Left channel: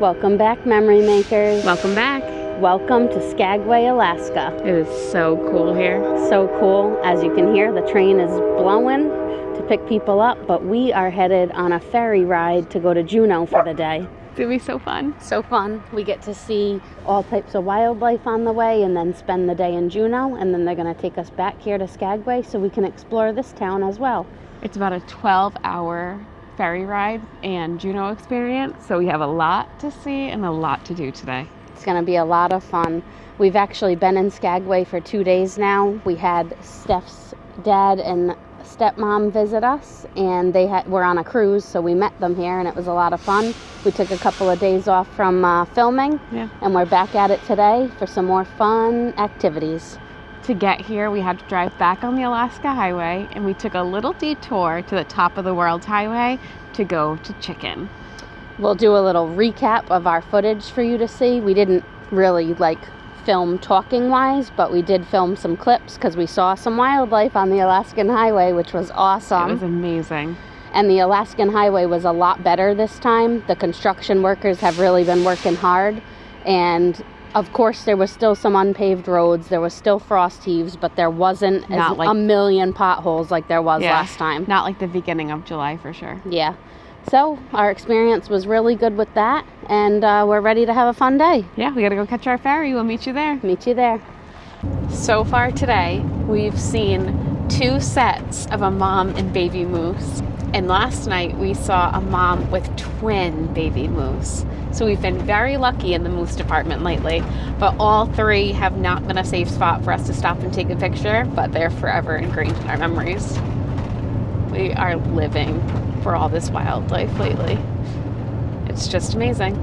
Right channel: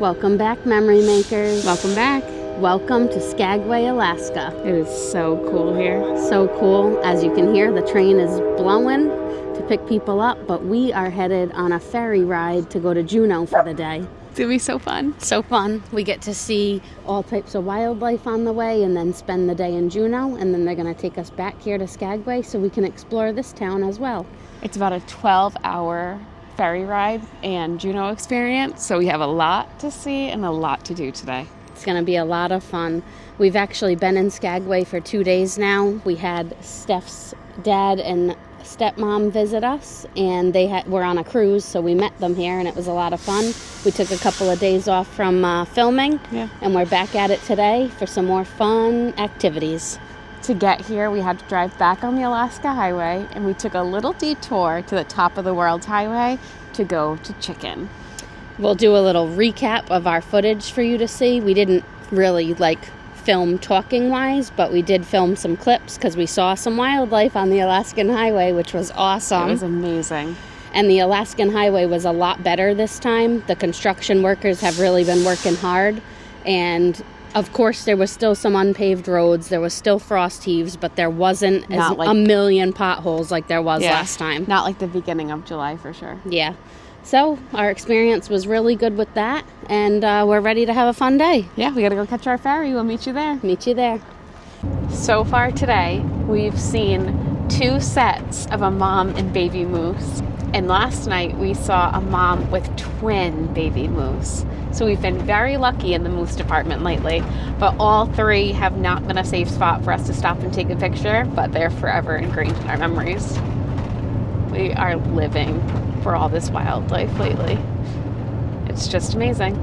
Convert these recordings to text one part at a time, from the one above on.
Welcome back, memory makers. Welcome back. Welcome to Skagway, Alaska. It is so cool here. So cool. As you can hear, the train is blowing to pick people up, but we are headed on a ferry ride to go to Juneau for the day. It's going to be so fun. So fun. We get to see all types of wildlife on the way and then spend the day in Juneau, and then they're going to take us back here to Skagway so we can explore this town as well. It's about a 12-hour ferry ride and Juneau experience, so we have a lot to see and a lot to do today. It's going to be a lot of fun. We've actually been in Skagway for 2 days now. We had Steph's dad and stepmom visit us, and were on a cruise, so we met them here, and it was a lot of fun. We took a couple of days off from filming, and we're back at it today for some more fun activities. To get here, we had to drive back on the Alaska Highway, and we took a little detour to the top of the World's Highway to go to Chicken. We'll do a little recap of our footage for you to see. We didn't really film talking-wise, but we did film some clips because we saw some wildlife on the Alaskan Highway, which was awesome. It was amazing. And the Alaskan Highway was a lot better this time. The construction workers have really been working hard. And, of course, there was still some unpaved roads. There was still frost heaves, but there wasn't a million potholes like there was last time. Not like the beginning of July, for sure. Yeah. So our experience was really good with that, and we're ready to have a fun day. Yeah, we gotta go catch our ferry. We'll meet you there. Meet you there. So far today, we've seen 2 sets of a mom and baby moose. And last night, we saw a mom with twin baby moose. So we've been very lucky in the moose department lately, but all 3 have not been a safe spot for us to stop and take a picture, but they're forever ingrained in our memories. We are living for all this wildlife lately. It's just amazing.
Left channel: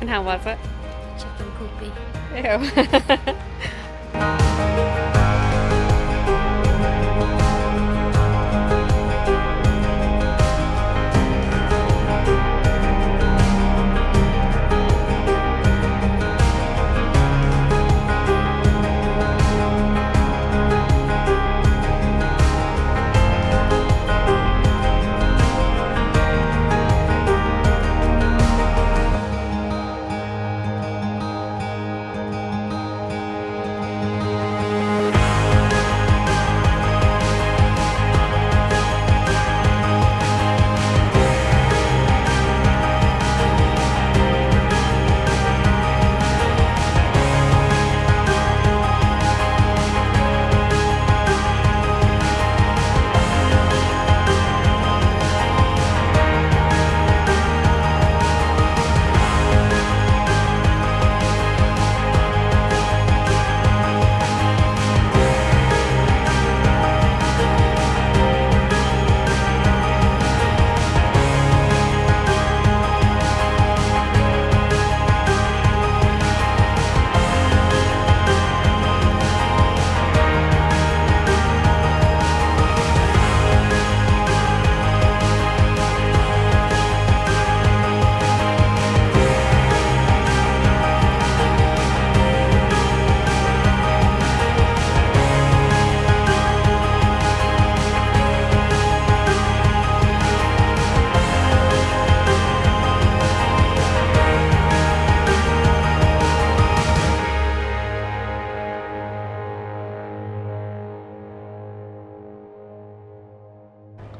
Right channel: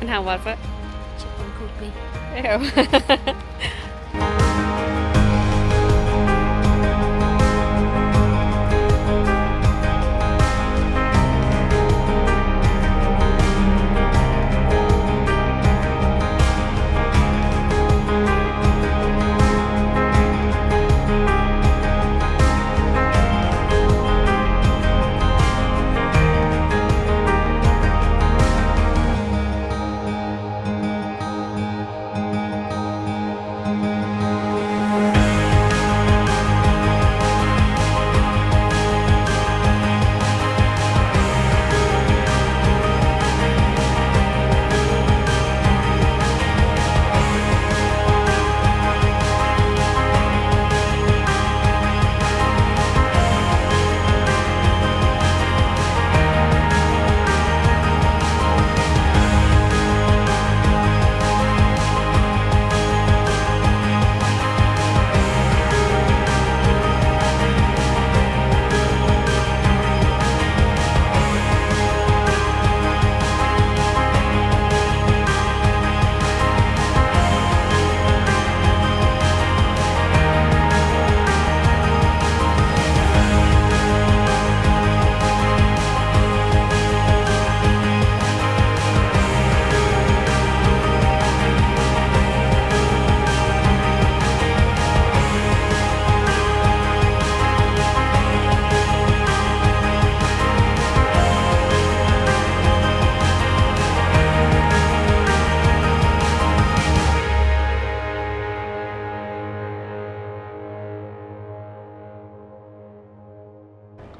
And how was it? Chicken poopy. Ew.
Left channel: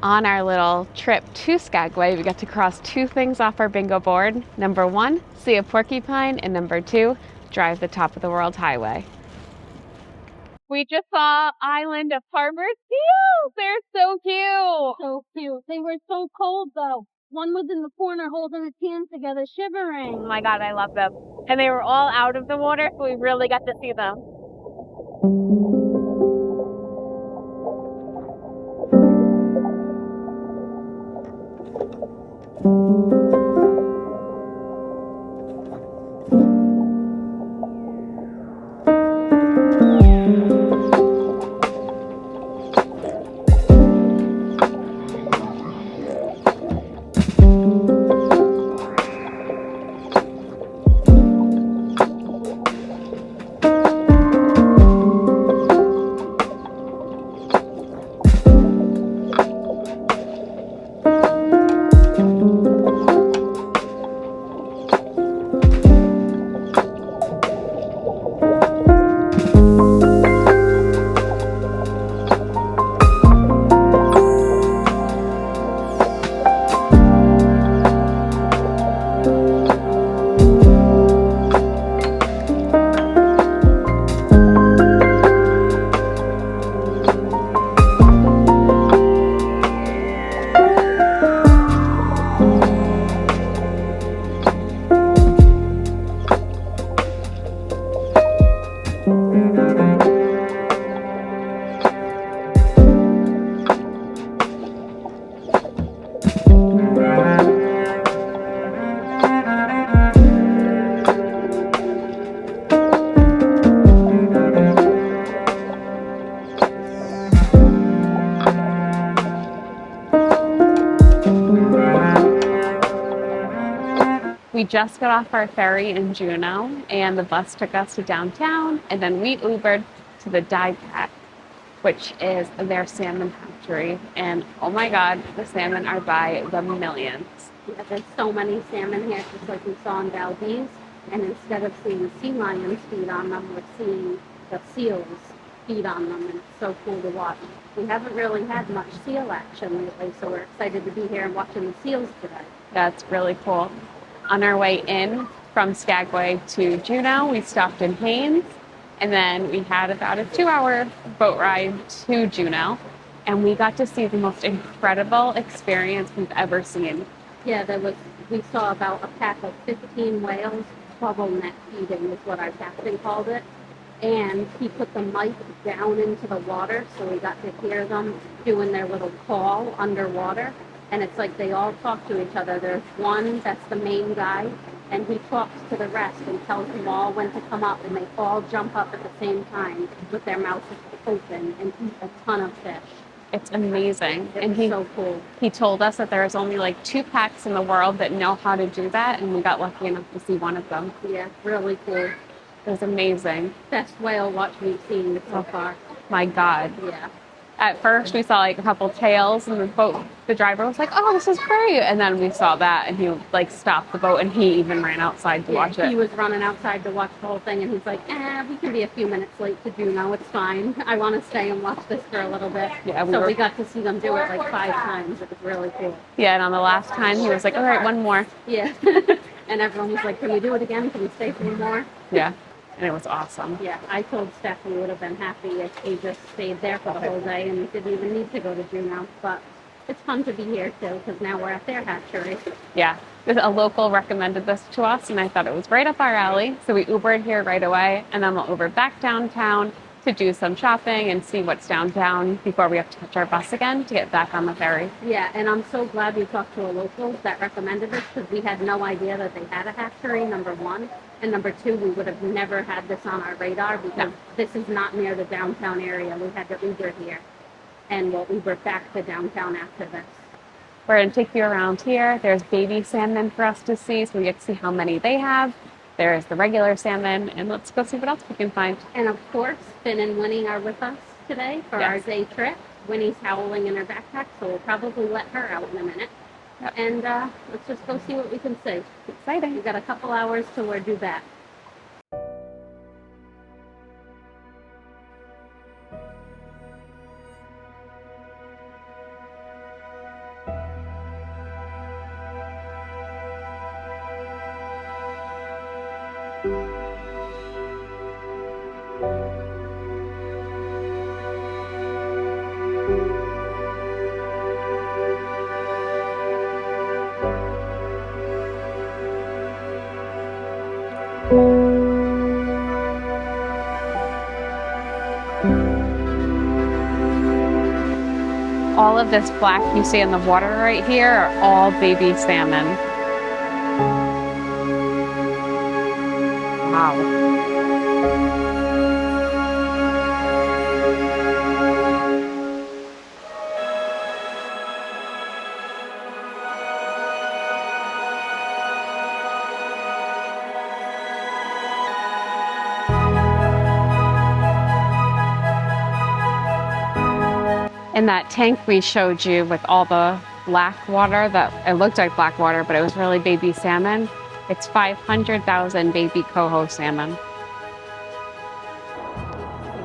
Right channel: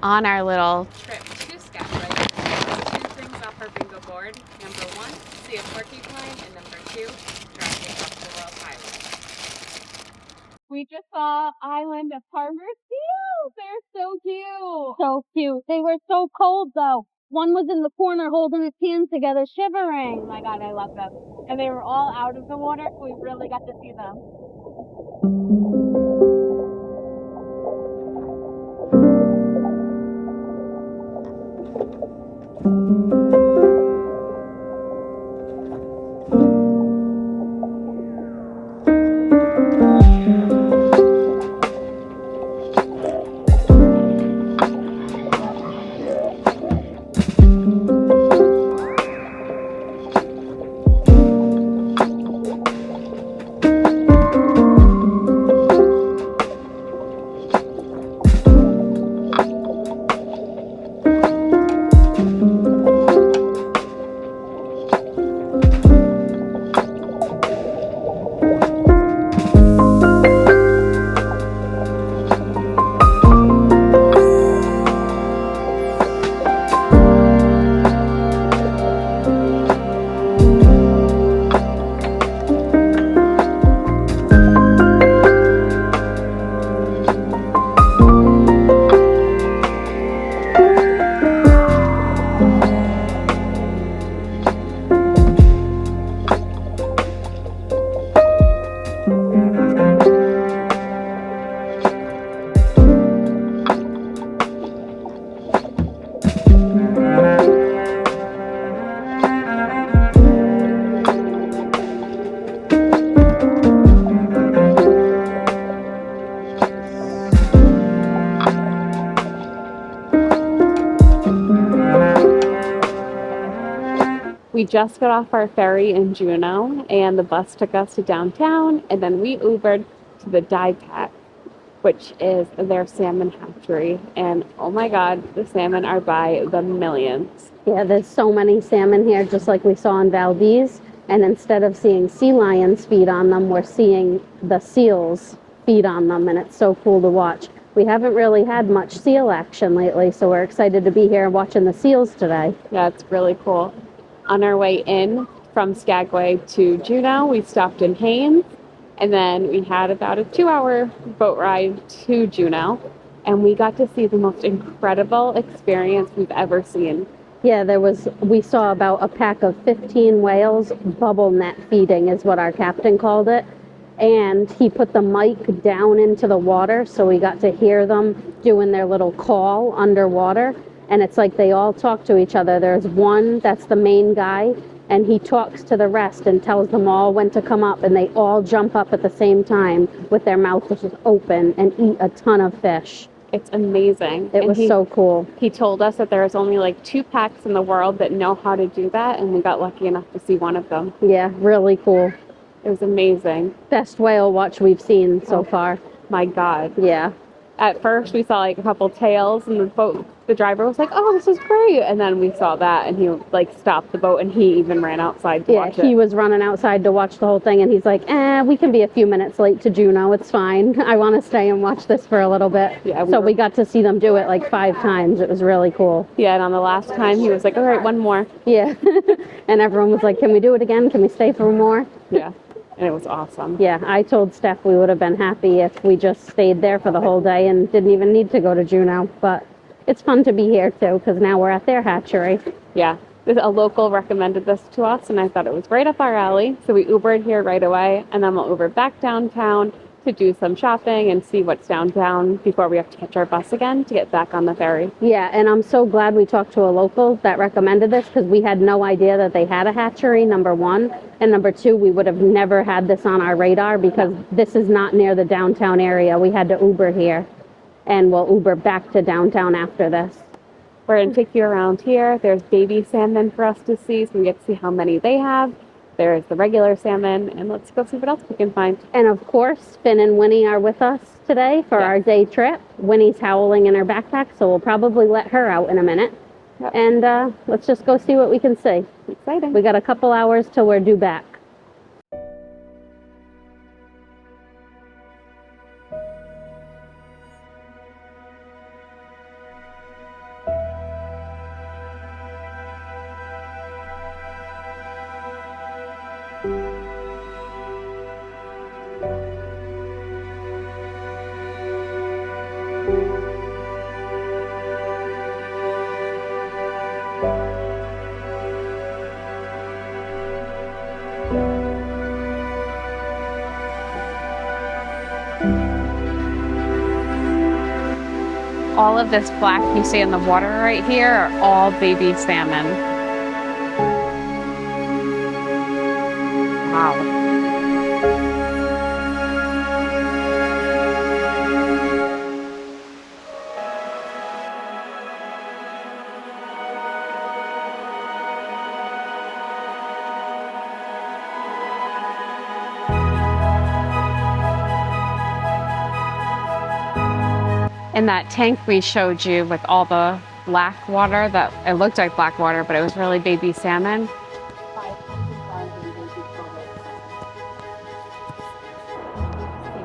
On our little trip to Skagway, we get to cross 2 things off our bingo board. Number 1, see a porcupine, and number 2, drive the top of the World's Highway. We just saw Island of Harbor Seals. They're so cute. So cute. They were so cold though. One was in the corner holding its hands together, shivering. Oh my God, I love them. And they were all out of the water, so we really got to see them. We just got off our ferry in Juneau, and the bus took us to downtown, and then we Ubered to the DIPAC, which is their salmon hatchery. And oh my God, the salmon are by the millions. Yeah, there's so many salmon here, just like we saw in Valdez. And instead of seeing sea lions feed on them, we're seeing the seals feed on them, and it's so cool to watch. We haven't really had much seal action lately, so we're excited to be here watching the seals today. Yeah, it's really cool. On our way in from Skagway to Juneau, we stopped in Haines, and then we had about a 2-hour boat ride to Juneau, and we got to see the most incredible experience we've ever seen. Yeah, we saw about a pack of 15 whales bubble net feeding is what our captain called it. And he put the mic down into the water, so we got to hear them doing their little call underwater. And it's like they all talk to each other. There's one that's the main guy, and he talks to the rest and tells them all when to come up, and they all jump up at the same time with their mouths open and eat a ton of fish. It's amazing. It was so cool. He told us that there's only like 2 packs in the world that know how to do that, and we got lucky enough to see one of them. Yeah, really cool. It was amazing. Best whale watch we've seen so far. My God. Yeah. At first, we saw like a couple tails, and the driver was like, "Oh, this is great!" And then we saw that, and he like stopped the boat, and he even ran outside to watch it. He was running outside to watch the whole thing, and he's like, we can be a few minutes late to Juneau. It's fine. I want to stay and watch this for a little bit." Yeah. We got to see them do it like 5 times. It was really cool. Yeah, and on the last time, he was like, "All right, one more." Yeah. And everyone was like, "Can we do it again? Can we stay for more?" Yeah. And it was awesome. Yeah, I told Steph we would have been happy if we just stayed there for the whole day and didn't even need to go to Juneau. But it's fun to be here, too, because now we're at their hatchery. Yeah. A local recommended this to us, and I thought it was right up our alley. So we Ubered here right away, and then we'll Uber back downtown to do some shopping and see what's downtown before we have to catch our bus again to get back on the ferry. Yeah, and I'm so glad we talked to a local that recommended this, because we had no idea that they had a hatchery, number one. And number two, we would have never had this on our radar, because this is not near the downtown area. We had to Uber here, and we'll Uber back to downtown after this. We're going to take you around here. There's baby salmon for us to see, so we get to see how many they have. There's the regular salmon, and let's go see what else we can find. And of course, Finn and Winnie are with us today for our day trip. Winnie's howling in her backpack, so we'll probably let her out in a minute. Yep. And let's just go see what we can see. Exciting. We got a couple hours till we're due back. All of this black you see in the water right here are all baby salmon. Wow. In that tank we showed you with all the black water, that it looked like black water, but it was really baby salmon. It's 500,000 baby coho salmon.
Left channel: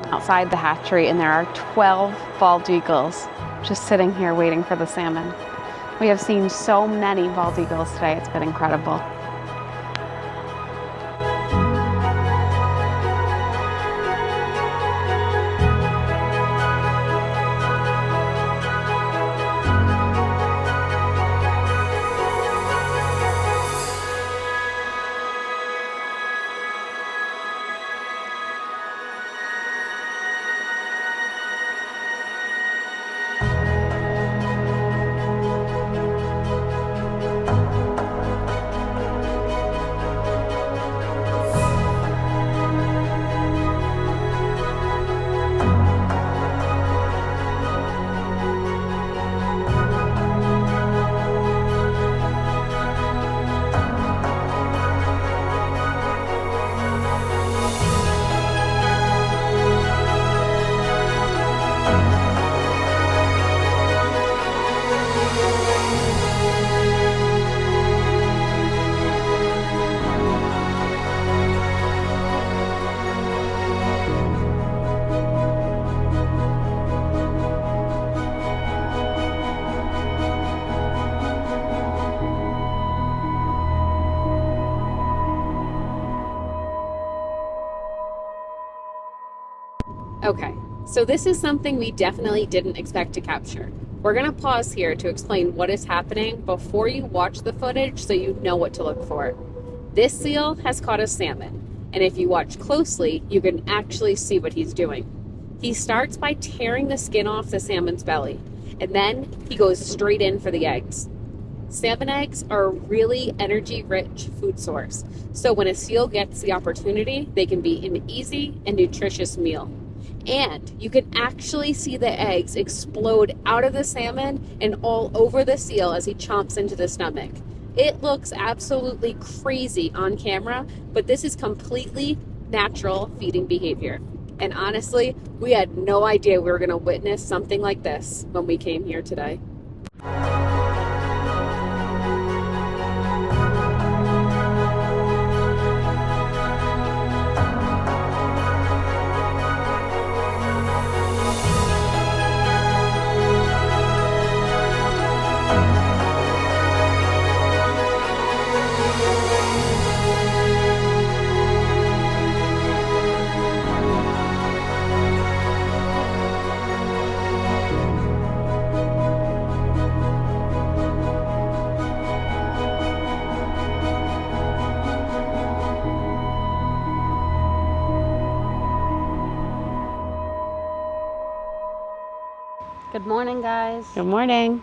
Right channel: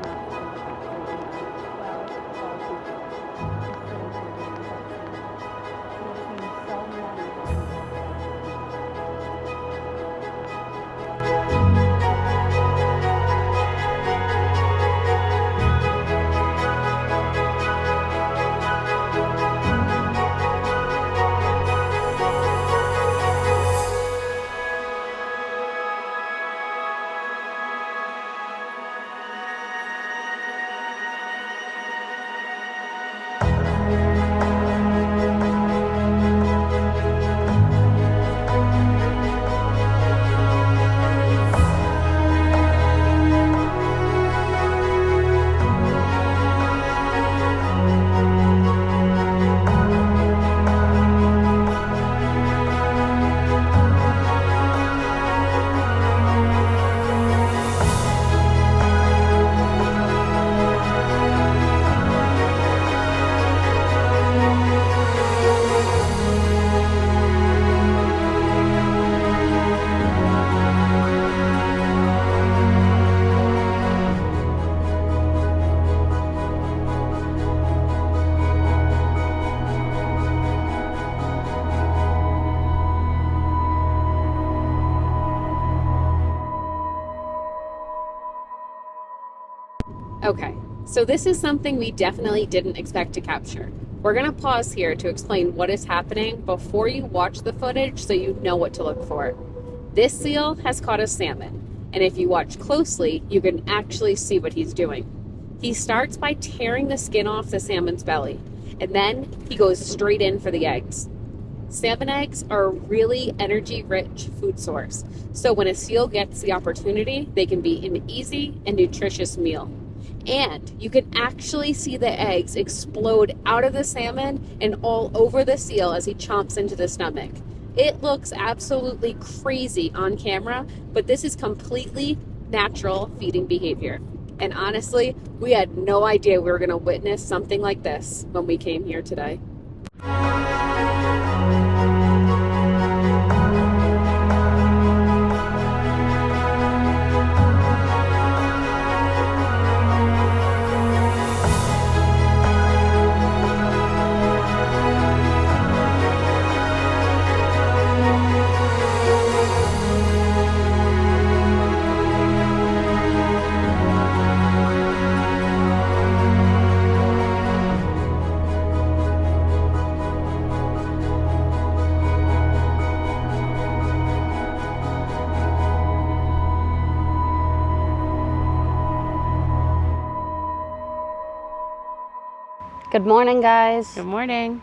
Outside the hatchery, and there are 12 bald eagles just sitting here waiting for the salmon. We have seen so many bald eagles today, it's been incredible. Okay, so this is something we definitely didn't expect to capture. We're going to pause here to explain what is happening before you watch the footage so you know what to look for. This seal has caught a salmon, and if you watch closely, you can actually see what he's doing. He starts by tearing the skin off the salmon's belly, and then he goes straight in for the eggs. Salmon eggs are a really energy-rich food source, so when a seal gets the opportunity, they can be an easy and nutritious meal. And you can actually see the eggs explode out of the salmon and all over the seal as he chomps into the stomach. It looks absolutely crazy on camera, but this is completely natural feeding behavior. And honestly, we had no idea we were going to witness something like this when we came here today. Good morning, guys. Good morning.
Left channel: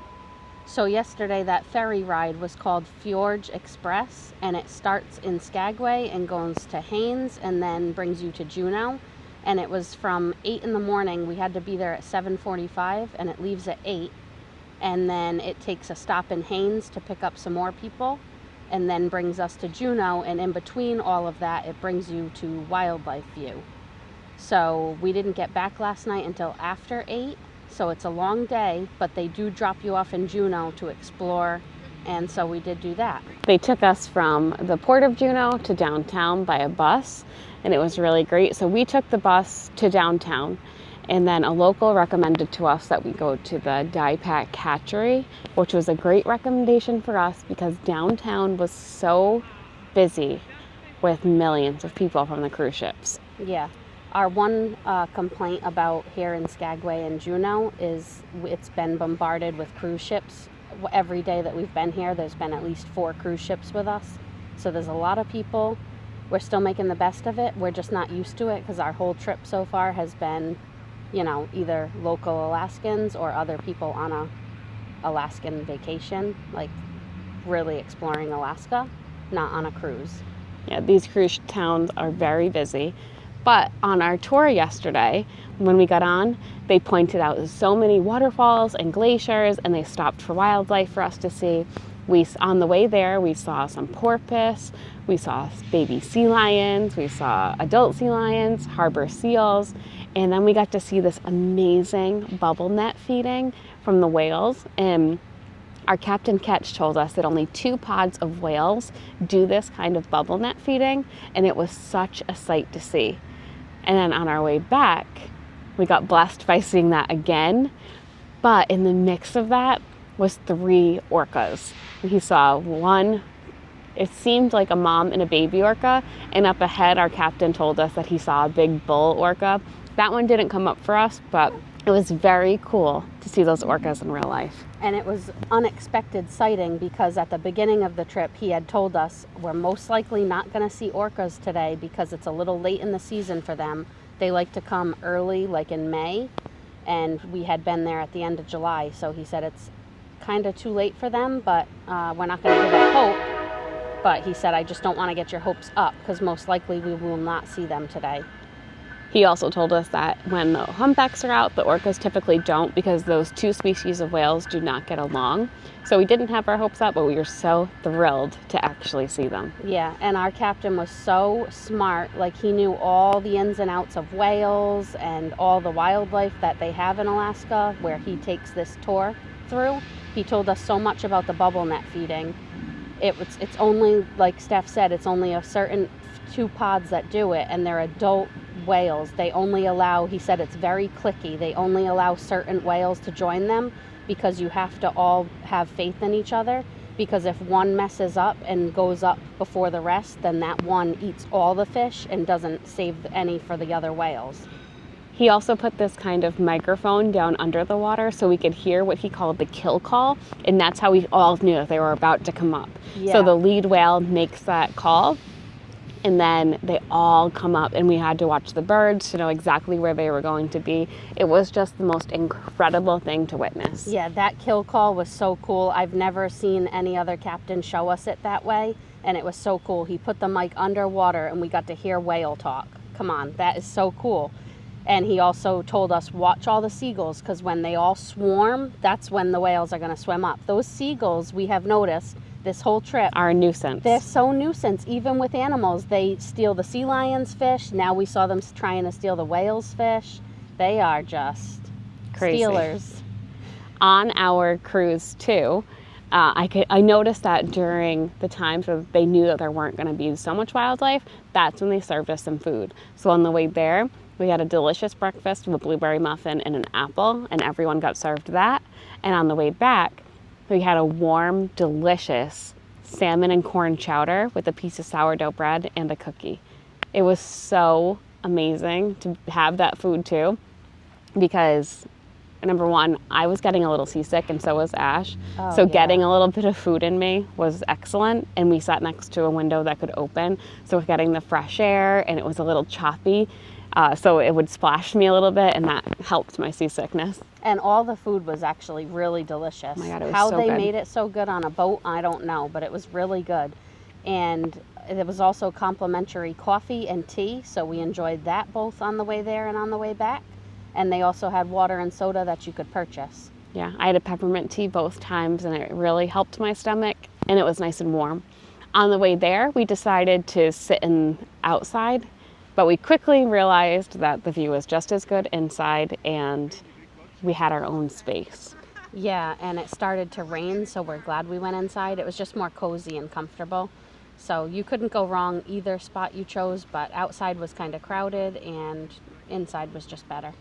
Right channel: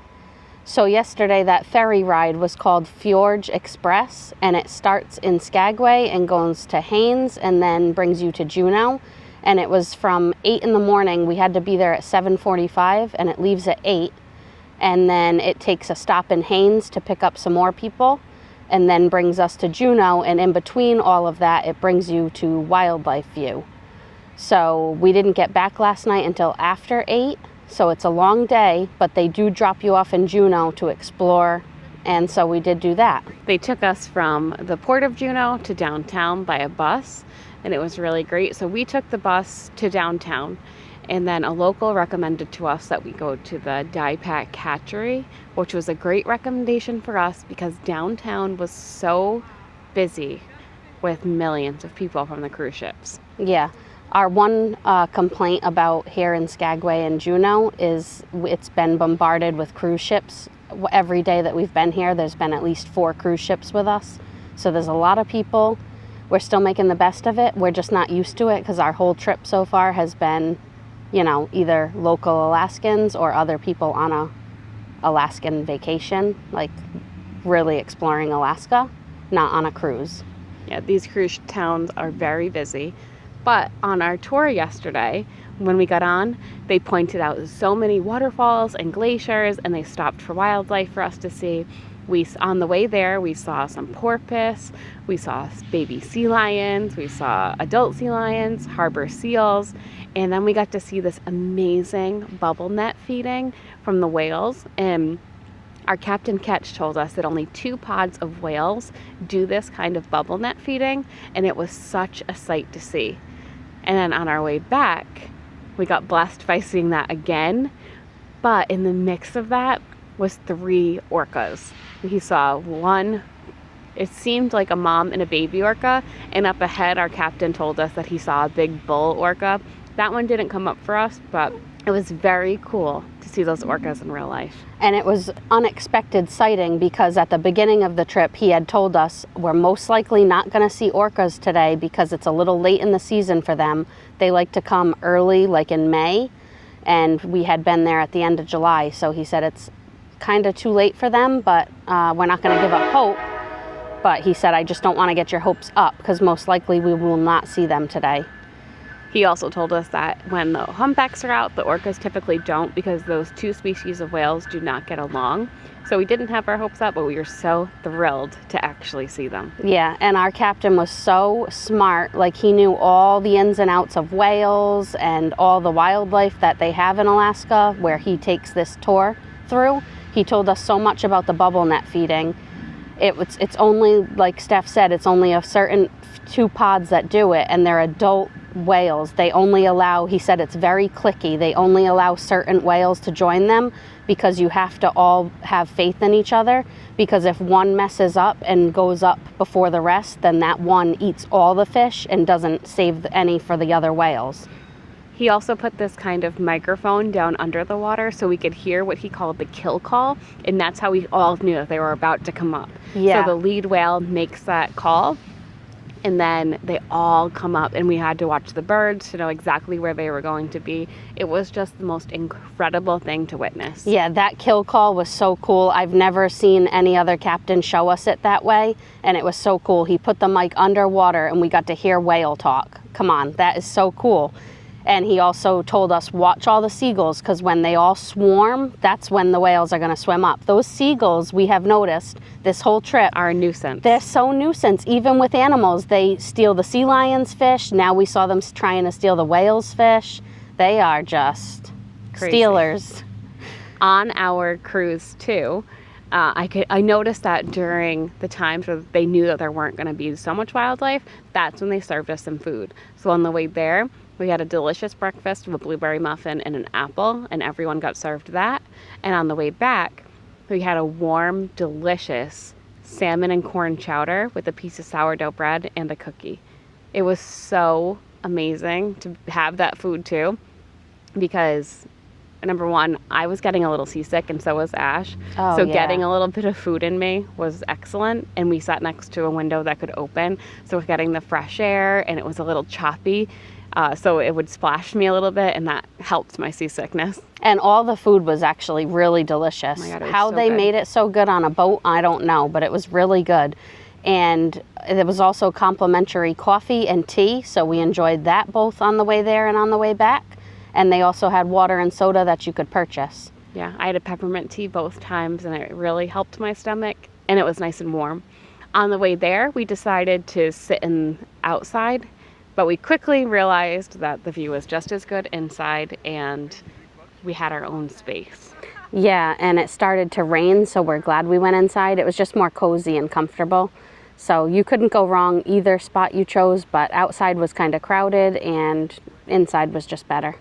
So yesterday that ferry ride was called Fjords Express, and it starts in Skagway and goes to Haines and then brings you to Juneau. And it was from 8 in the morning. We had to be there at 7:45, and it leaves at 8. And then it takes a stop in Haines to pick up some more people, and then brings us to Juneau. And in between all of that, it brings you to Wildlife View. So we didn't get back last night until after 8. So it's a long day, but they do drop you off in Juneau to explore, and so we did do that. They took us from the port of Juneau to downtown by a bus, and it was really great. So we took the bus to downtown, and then a local recommended to us that we go to the DIPAC Hatchery, which was a great recommendation for us because downtown was so busy with millions of people from the cruise ships. Yeah. Our one complaint about here in Skagway and Juneau is it's been bombarded with cruise ships. Every day that we've been here, there's been at least 4 cruise ships with us. So there's a lot of people. We're still making the best of it. We're just not used to it because our whole trip so far has been, either local Alaskans or other people on a Alaskan vacation, like really exploring Alaska, not on a cruise. Yeah, these cruise towns are very busy. But on our tour yesterday, when we got on, they pointed out so many waterfalls and glaciers, and they stopped for wildlife for us to see. On the way there, we saw some porpoise, we saw baby sea lions, we saw adult sea lions, harbor seals, and then we got to see this amazing bubble net feeding from the whales. And our Captain Ketch told us that only 2 pods of whales do this kind of bubble net feeding, and it was such a sight to see. And then on our way back, we got blessed by seeing that again. But in the mix of that was 3 orcas. We saw one, it seemed like a mom and a baby orca. And up ahead, our captain told us that he saw a big bull orca. That one didn't come up for us, but it was very cool to see those orcas in real life. And it was unexpected sighting because at the beginning of the trip, he had told us we're most likely not going to see orcas today because it's a little late in the season for them. They like to come early, like in May, and we had been there at the end of July. So he said it's kind of too late for them, but we're not going to give up hope. But he said, I just don't want to get your hopes up because most likely we will not see them today. He also told us that when the humpbacks are out, the orcas typically don't because those 2 species of whales do not get along. So we didn't have our hopes up, but we were so thrilled to actually see them. Yeah, and our captain was so smart. Like, he knew all the ins and outs of whales and all the wildlife that they have in Alaska where he takes this tour through. He told us so much about the bubble net feeding. It's only, like Steph said, it's only a certain 2 pods that do it, and they're adult whales. They only allow, he said it's very cliquey, they only allow certain whales to join them because you have to all have faith in each other, because if one messes up and goes up before the rest, then that one eats all the fish and doesn't save any for the other whales. He also put this kind of microphone down under the water so we could hear what he called the kill call, and that's how we all knew that they were about to come up. Yeah. So the lead whale makes that call, and then they all come up, and we had to watch the birds to know exactly where they were going to be. It was just the most incredible thing to witness. Yeah, that kill call was so cool. I've never seen any other captain show us it that way, and it was so cool. He put the mic underwater, and we got to hear whale talk. Come on, that is so cool. And he also told us, watch all the seagulls, because when they all swarm, that's when the whales are going to swim up. Those seagulls, we have noticed this whole trip, are a nuisance. They're so nuisance. Even with animals, they steal the sea lions' fish. Now we saw them trying to steal the whales' fish. They are just crazy. Stealers. On our cruise, too, I noticed that during the times where they knew that there weren't going to be so much wildlife, that's when they served us some food. So on the way there, we had a delicious breakfast with a blueberry muffin and an apple, and everyone got served that. And on the way back, we had a warm, delicious salmon and corn chowder with a piece of sourdough bread and a cookie. It was so amazing to have that food too, because number one, I was getting a little seasick, and so was Ash. Oh, so yeah. Getting a little bit of food in me was excellent, and we sat next to a window that could open, so we're getting the fresh air, and it was a little choppy. So it would splash me a little bit, and that helped my seasickness. And all the food was actually really delicious. Oh my God, it was How so they good. made it so good on a boat, I don't know, but it was really good. And there was also complimentary coffee and tea, so we enjoyed that both on the way there and on the way back. And they also had water and soda that you could purchase. Yeah, I had a peppermint tea both times, and it really helped my stomach, and it was nice and warm. On the way there, we decided to sit outside, but we quickly realized that the view was just as good inside, and we had our own space. Yeah, and it started to rain, so we're glad we went inside. It was just more cozy and comfortable. So you couldn't go wrong either spot you chose, but outside was kind of crowded and inside was just better.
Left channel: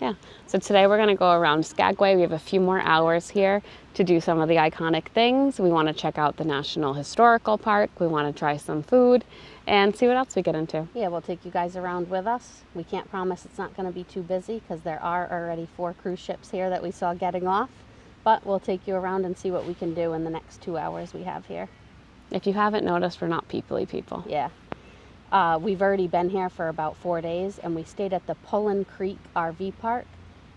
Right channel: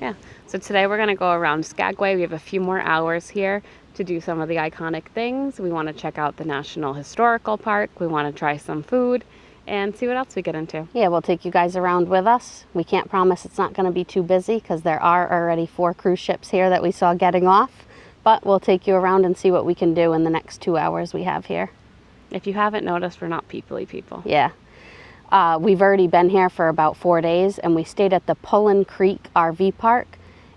Yeah, so today we're going to go around Skagway. We have a few more hours here to do some of the iconic things. We want to check out the National Historical Park. We want to try some food. and see what else we get into. Yeah, we'll take you guys around with us. We can't promise it's not going to be too busy because there are already 4 cruise ships here that we saw getting off, but we'll take you around and see what we can do in the next 2 hours we have here. If you haven't noticed, we're not peoply people. Yeah. We've already been here for about 4 days, and we stayed at the Pullen Creek RV Park.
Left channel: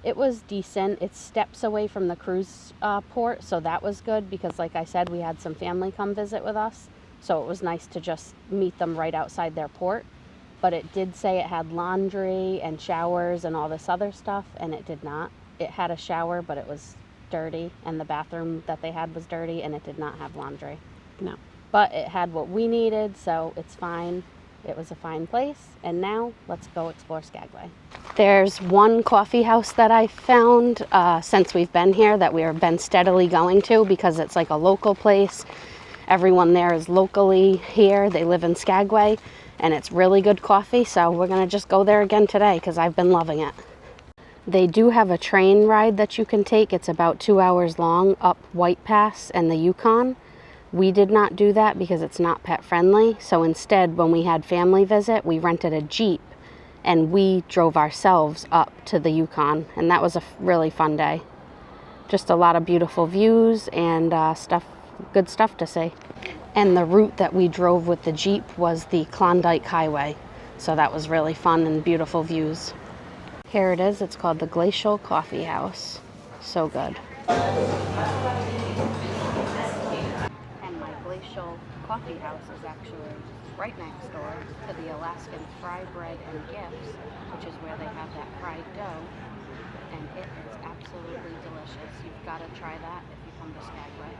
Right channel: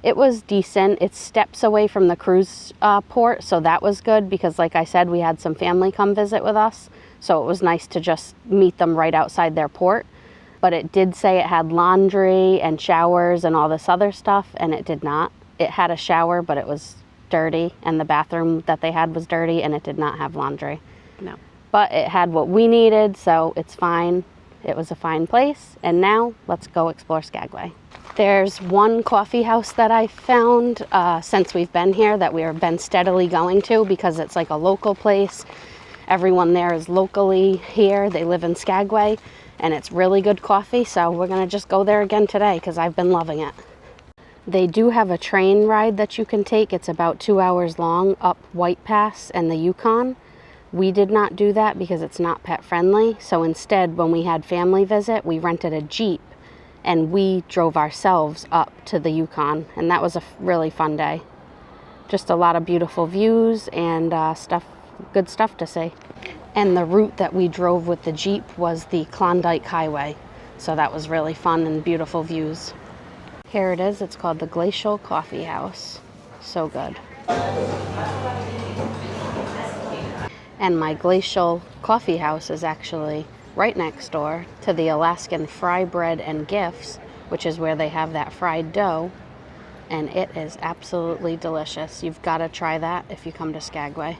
It was decent. It's steps away from the cruise port, so that was good because, like I said, we had some family come visit with us, so it was nice to just meet them right outside their port. But it did say it had laundry and showers and all this other stuff, and it did not. It had a shower, but it was dirty, and the bathroom that they had was dirty, and it did not have laundry. No. But it had what we needed, so it's fine. It was a fine place, and now let's go explore Skagway. There's one coffee house that I found since we've been here that we've been steadily going to because it's like a local place. Everyone there is locally here. They live in Skagway, and it's really good coffee, so we're gonna just go there again today because I've been loving it. They do have a train ride that you can take. It's about 2 hours long up White Pass and the Yukon. We did not do that because it's not pet friendly. So instead, when we had family visit, we rented a Jeep and we drove ourselves up to the Yukon. And that was a really fun day. Just a lot of beautiful views and good stuff to see. And the route that we drove with the Jeep was the Klondike Highway. So that was really fun and beautiful views. Here it is. It's called the Glacial Coffee House. So good. And my Glacial Coffee House is actually right next door to the Alaskan Fry Bread and Gifts, which is where they have that fried dough. And it is absolutely delicious. You've got to try that if you come to Skagway.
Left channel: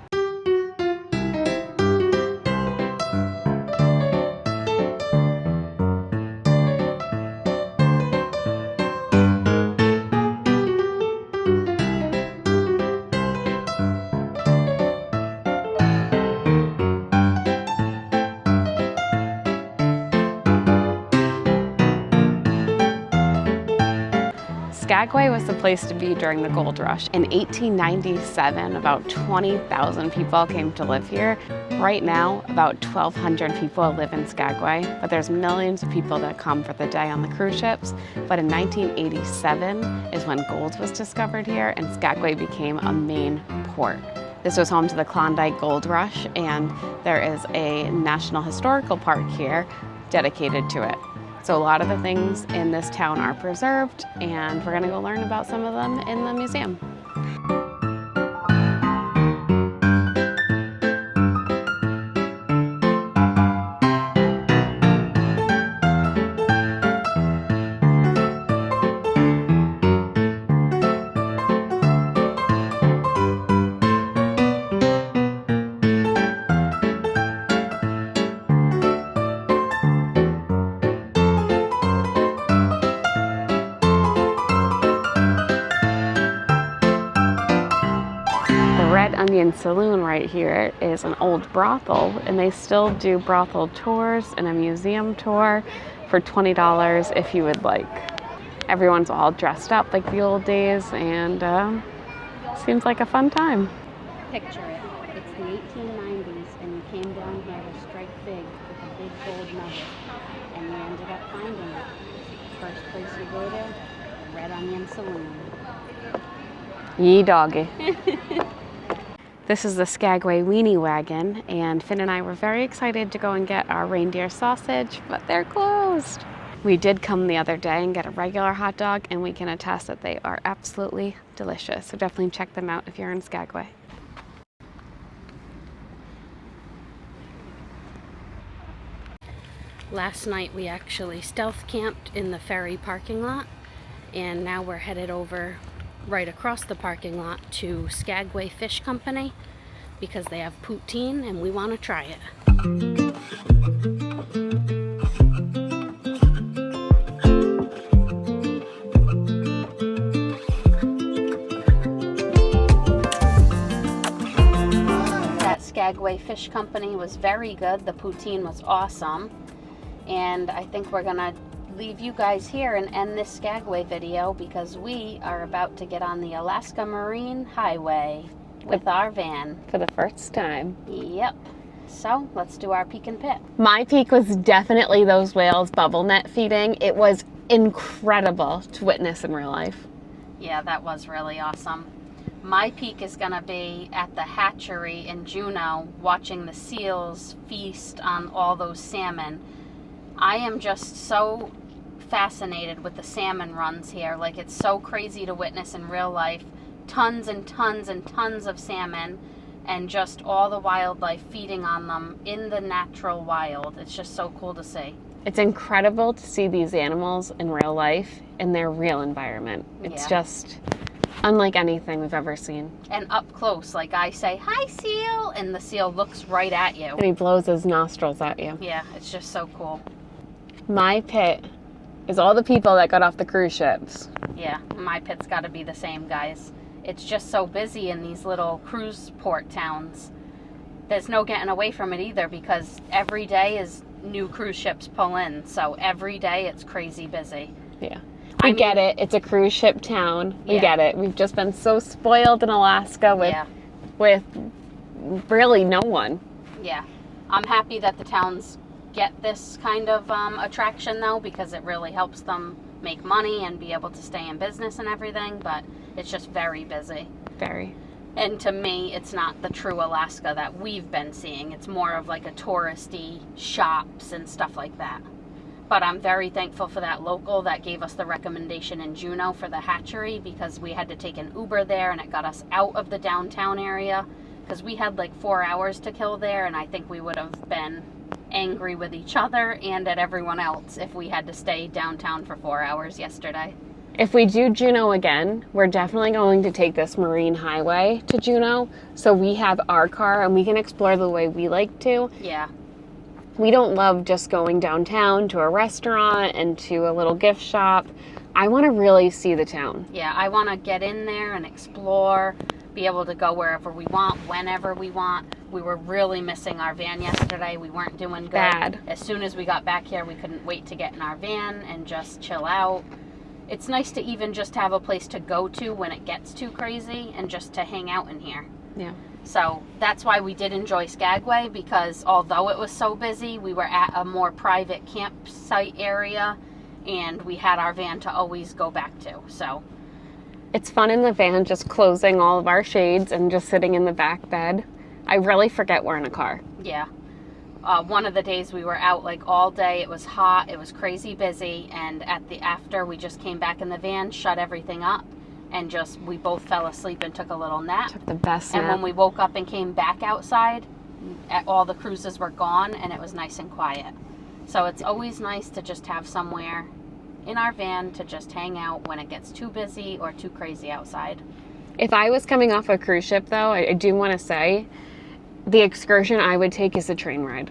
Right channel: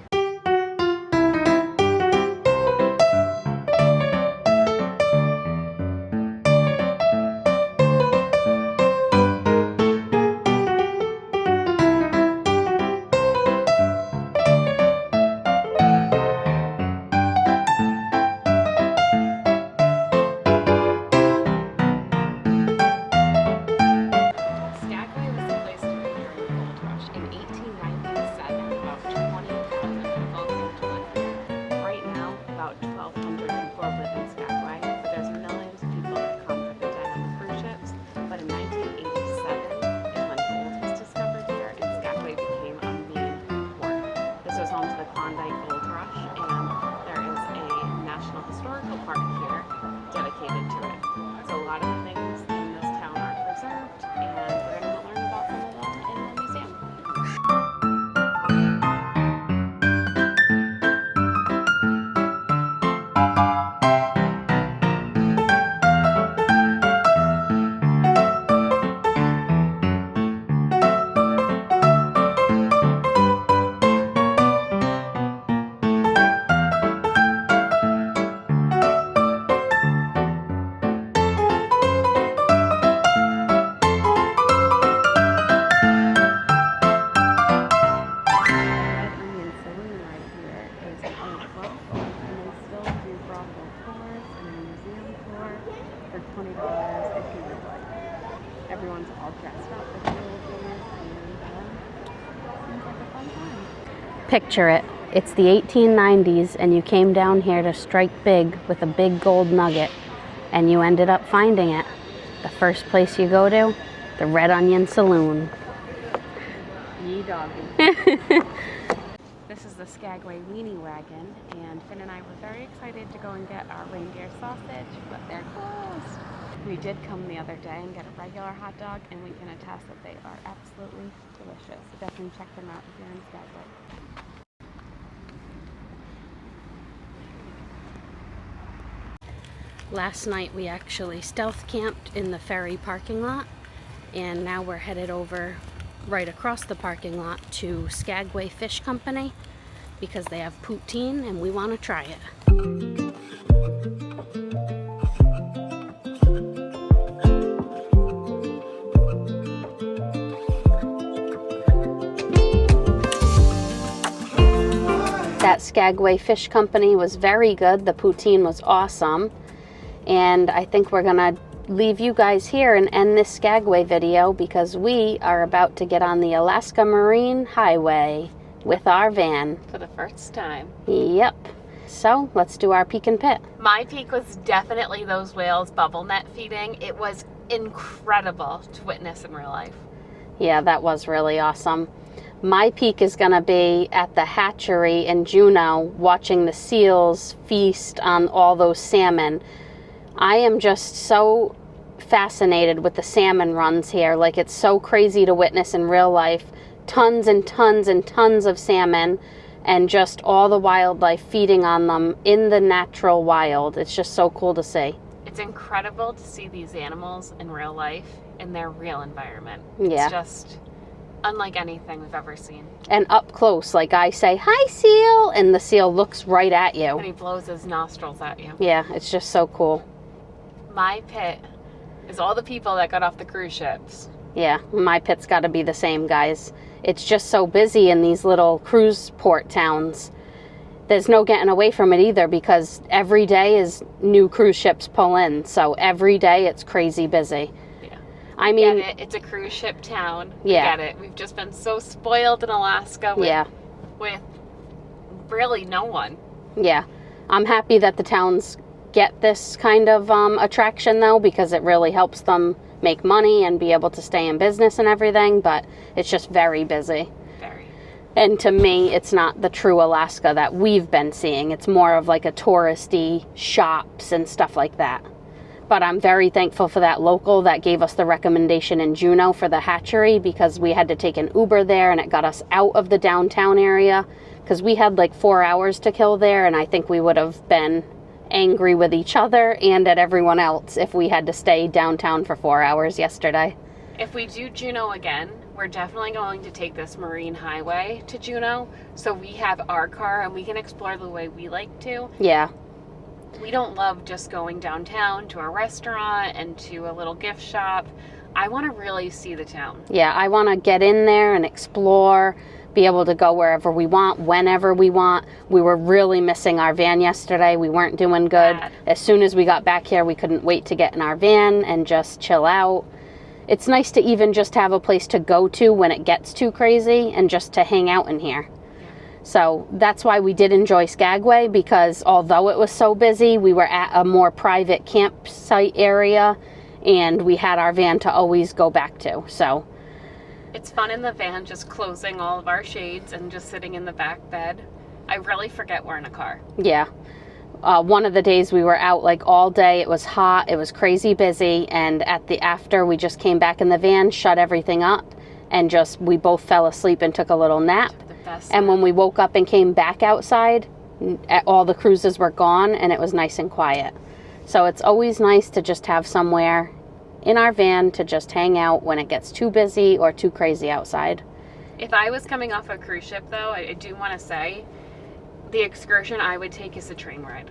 Skagway was the place to be during the gold rush. In 1897, about 20,000 people came to live here. Right now, about 1,200 people live in Skagway, but there's millions of people that come for the day on the cruise ships. But in 1987 is when gold was discovered here and Skagway became a main port. This was home to the Klondike Gold Rush, and there is a National Historical Park here dedicated to it. So a lot of the things in this town are preserved, and we're gonna go learn about some of them in the museum. Saloon right here is an old brothel, and they still do brothel tours and a museum tour for $20 if you would like. Everyone's all dressed up like the old days, and seems like a fun time. Picture it. It's the 1890s, and you came down here to strike big with a big gold nugget, and you ended up finding it. The first place you go to, the Red Onion Saloon. Yee doggy. This is the Skagway Weenie Wagon, and Finn and I were very excited to go and get our reindeer sausage, but they're closed. We did come the other day and get a regular hot dog, and we can attest that they are absolutely delicious. So definitely check them out if you're in Skagway. Last night we actually stealth camped in the ferry parking lot, and now we're headed over right across the parking lot to Skagway Fish Company because they have poutine and we want to try it. That Skagway Fish Company was very good. The poutine was awesome, and I think we're gonna leave you guys here and end this Skagway video because we are about to get on the Alaska Marine Highway with our van. For the first time. Yep. So let's do our peek and pit. My peak was definitely those whales bubble net feeding. It was incredible to witness in real life. Yeah, that was really awesome. My peak is going to be at the hatchery in Juneau, watching the seals feast on all those salmon. I am just so fascinated with the salmon runs here. Like, it's so crazy to witness in real life. Tons and tons and tons of salmon, and just all the wildlife feeding on them in the natural wild. It's just so cool to see. It's incredible to see these animals in real life in their real environment. It's just unlike anything we've ever seen. And up close, like I say, "Hi, seal," and the seal looks right at you. And he blows his nostrils at you. Yeah, it's just so cool. My pit is all the people that got off the cruise ships. Yeah, my pit's got to be the same, guys. It's just so busy in these little cruise port towns. There's no getting away from it either, because every day is new cruise ships pull in. So every day it's crazy busy. Yeah. I get it. It's a cruise ship town. We get it. We've just been so spoiled in Alaska with really no one. Yeah. I'm happy that the towns get this kind of attraction, though, because it really helps them make money and be able to stay in business and everything. But it's just very busy. Very. And to me, it's not the true Alaska that we've been seeing. It's more of like a touristy shops and stuff like that. But I'm very thankful for that local that gave us the recommendation in Juneau for the hatchery, because we had to take an Uber there and it got us out of the downtown area, because we had like 4 hours to kill there, and I think we would have been angry with each other and at everyone else if we had to stay downtown for 4 hours yesterday. If we do Juneau again, we're definitely going to take this marine highway to Juneau, so we have our car and we can explore the way we like to. Yeah. We don't love just going downtown to a restaurant and to a little gift shop. I want to really see the town. Yeah, I want to get in there and explore, be able to go wherever we want, whenever we want. We were really missing our van yesterday. We weren't doing good. Bad. As soon as we got back here, we couldn't wait to get in our van and just chill out. It's nice to even just have a place to go to when it gets too crazy and just to hang out in here. Yeah. So that's why we did enjoy Skagway, because although it was so busy, we were at a more private campsite area and we had our van to always go back to. So it's fun in the van, just closing all of our shades and just sitting in the back bed. I really forget we're in a car. Yeah. One of the days we were out like all day. It was hot. It was crazy busy. And after we just came back in the van, shut everything up, and we both fell asleep and took a little nap. Took the best And nap. when we woke up and came back outside, all the cruises were gone and it was nice and quiet. So it's always nice to just have somewhere in our van to just hang out when it gets too busy or too crazy outside. If I was coming off a cruise ship, though, I do want to say the excursion I would take is a train ride.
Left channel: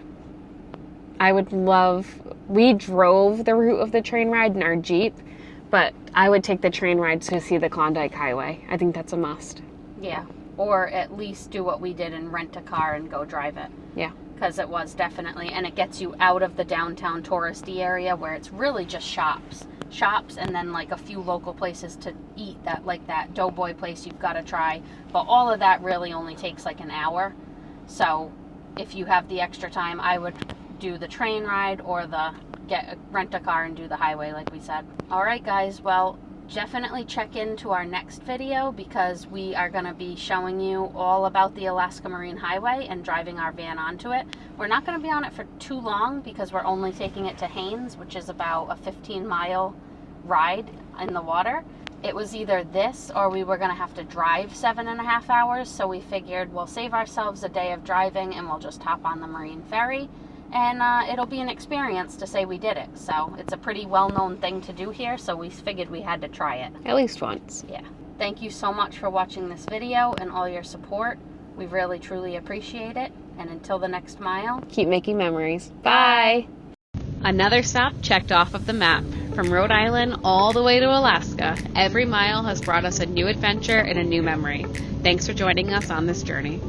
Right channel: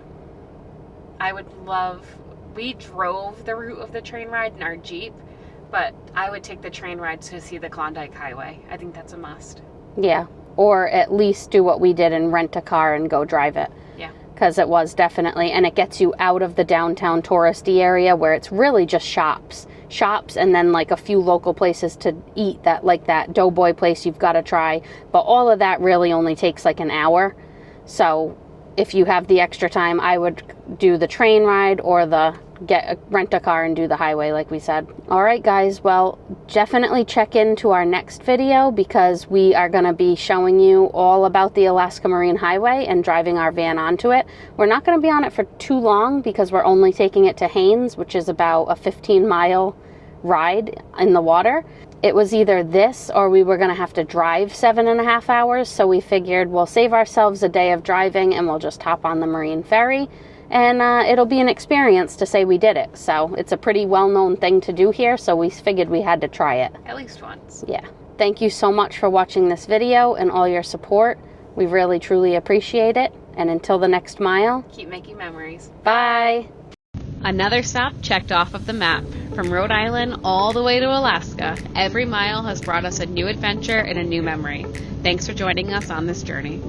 We drove the route of the train ride in our Jeep, but I would take the train ride to see the Klondike Highway. I think that's a must. Yeah, or at least do what we did and rent a car and go drive it. Yeah. Because it was definitely, and it gets you out of the downtown touristy area where it's really just shops, and then like a few local places to eat, that like that Doughboy place you've got to try. But all of that really only takes like an hour. So if you have the extra time, I would do the train ride or rent a car and do the highway like we said. All right, guys, well, definitely check into our next video, because we are going to be showing you all about the Alaska Marine Highway and driving our van onto it. We're not going to be on it for too long because we're only taking it to Haines, which is about a 15-mile ride in the water. It was either this or we were going to have to drive 7.5 hours, so we figured we'll save ourselves a day of driving and we'll just hop on the marine ferry, and it'll be an experience to say we did it. So it's a pretty well-known thing to do here, so we figured we had to try it. At least once. Yeah. Thank you so much for watching this video and all your support. We really, truly appreciate it. And until the next mile, Keep making memories. bye. Another stop checked off of the map. From Rhode Island all the way to Alaska, every mile has brought us a new adventure and a new memory. Thanks for joining us on this journey.